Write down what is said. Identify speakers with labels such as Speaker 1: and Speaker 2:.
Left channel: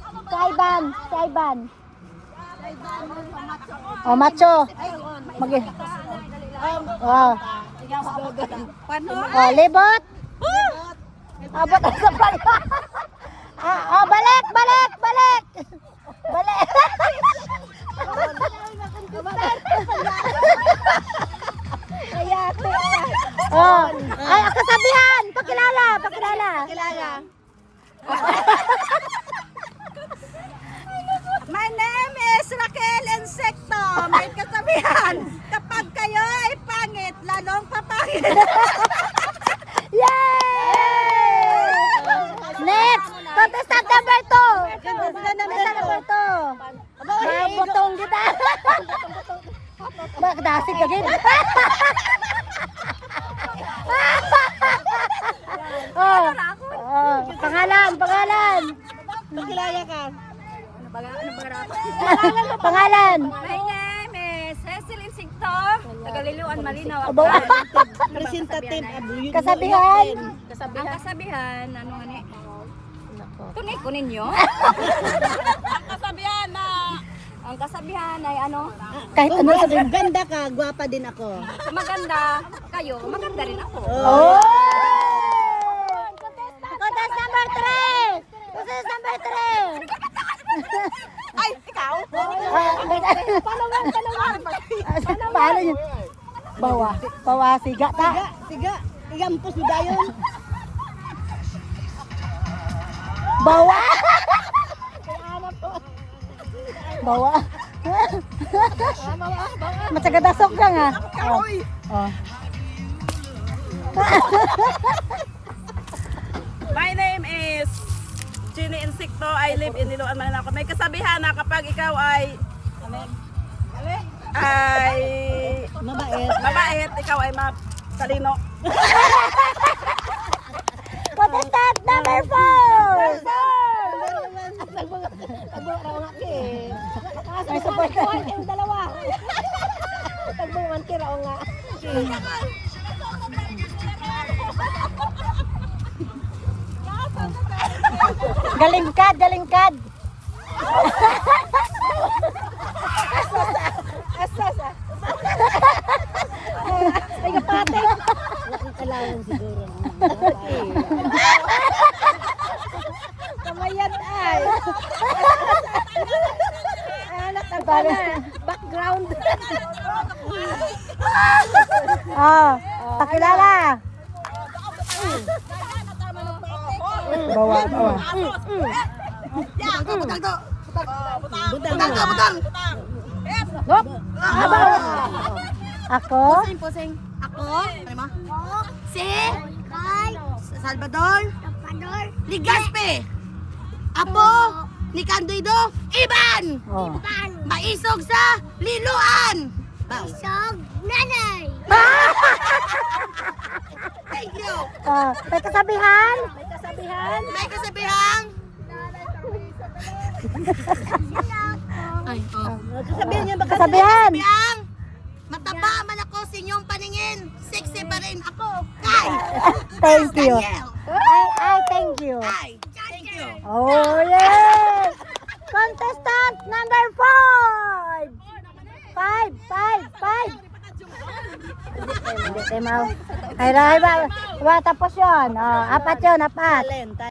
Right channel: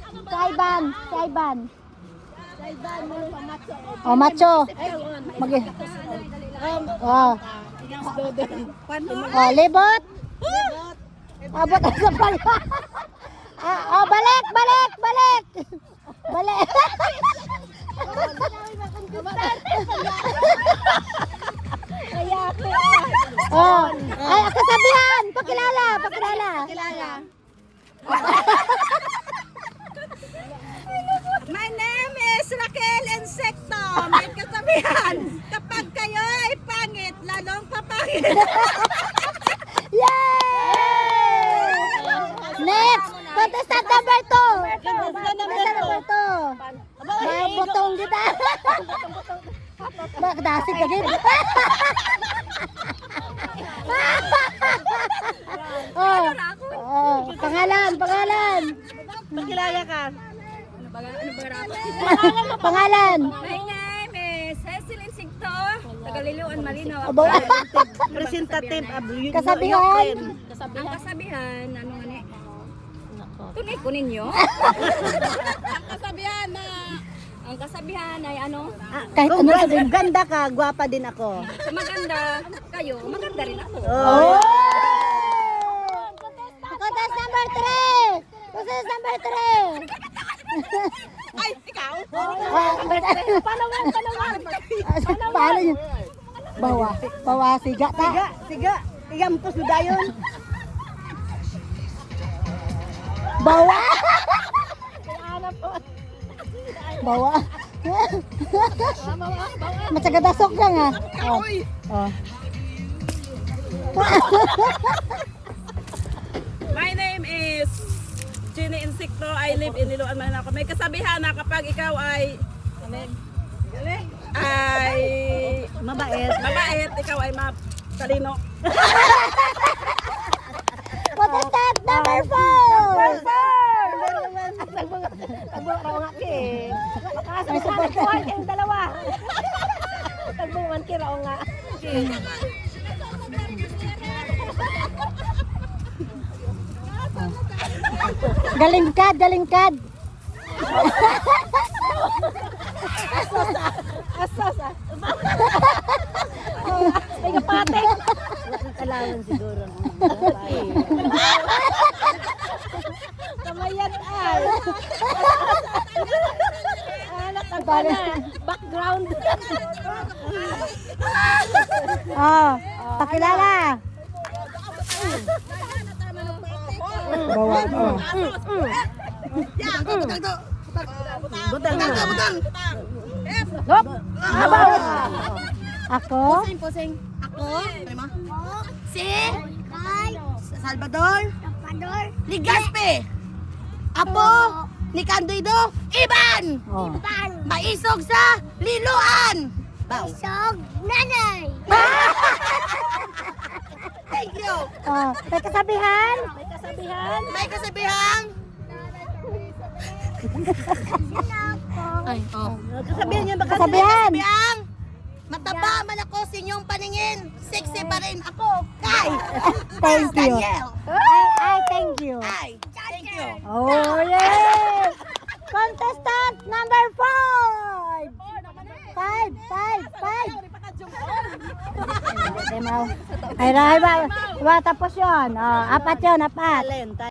Speaker 1: Saiban. Saiban. Oh, macho. Oh. Oh, libot. Abot sa pala. Oh, balik. Balik. Oh, ay, kasabihan. Pakilala.
Speaker 2: My name is Raquel Insecto. May kasabihan, kapag kayo ay pangit, lalong papangit.
Speaker 1: Next, contestant number 2. Butong kita. Magdasig ka gina. Pangalan.
Speaker 2: Pakilala ka. Ano ba rapat?
Speaker 1: Pangalan.
Speaker 2: My name is Cecil Insecto. Tagaliliwan Malinaw, Aklan.
Speaker 3: Representative.
Speaker 1: Kasabihan.
Speaker 2: Ang kasabihan, ano nga ni? Tunay ko ninyo? Ang kasabihan ay ano?
Speaker 1: Kahit
Speaker 3: Kung ganda ka, gwapa din ako.
Speaker 2: Kung maganda kayo, maganda rin ako.
Speaker 1: Contest number 3.
Speaker 2: Ay, ikaw?
Speaker 1: Paano yun? Bawa, siga ta.
Speaker 3: Siga. Igampos mo dayon.
Speaker 1: Bawa. Matsagadasok ka nga.
Speaker 2: Kahoy!
Speaker 4: My name is Ginny Insecto. I live in Liloan, Manila. May kasabihan na kapag ikaw ay mabait, ikaw ay matalino.
Speaker 1: Contestant number 4. Galingkad. Ay, kapatid.
Speaker 3: Kailangan siguro.
Speaker 1: Kamayan ay. Background. Pakilala.
Speaker 3: Butang.
Speaker 1: Ako?
Speaker 3: Posing.
Speaker 2: Ako?
Speaker 3: Si Salvador Ligaspe. Apo ni Candido Iban. Maisog sa Liloan.
Speaker 1: Isog nanay.
Speaker 3: Thank you.
Speaker 1: May kasabihan?
Speaker 3: May kasabihan. Ay, Kasabihan niyo ba
Speaker 1: Kasabihan.
Speaker 3: kasabihan? Mataba man ako sa inyong paningin. Sexy pa rin ako. Kay
Speaker 1: Thank you.
Speaker 3: Daniel.
Speaker 1: Thank you.
Speaker 3: Ay, thank you.
Speaker 1: Oh, yeah! Contestant number 5! 5! Ay, tapos yun. 4 yun, 4.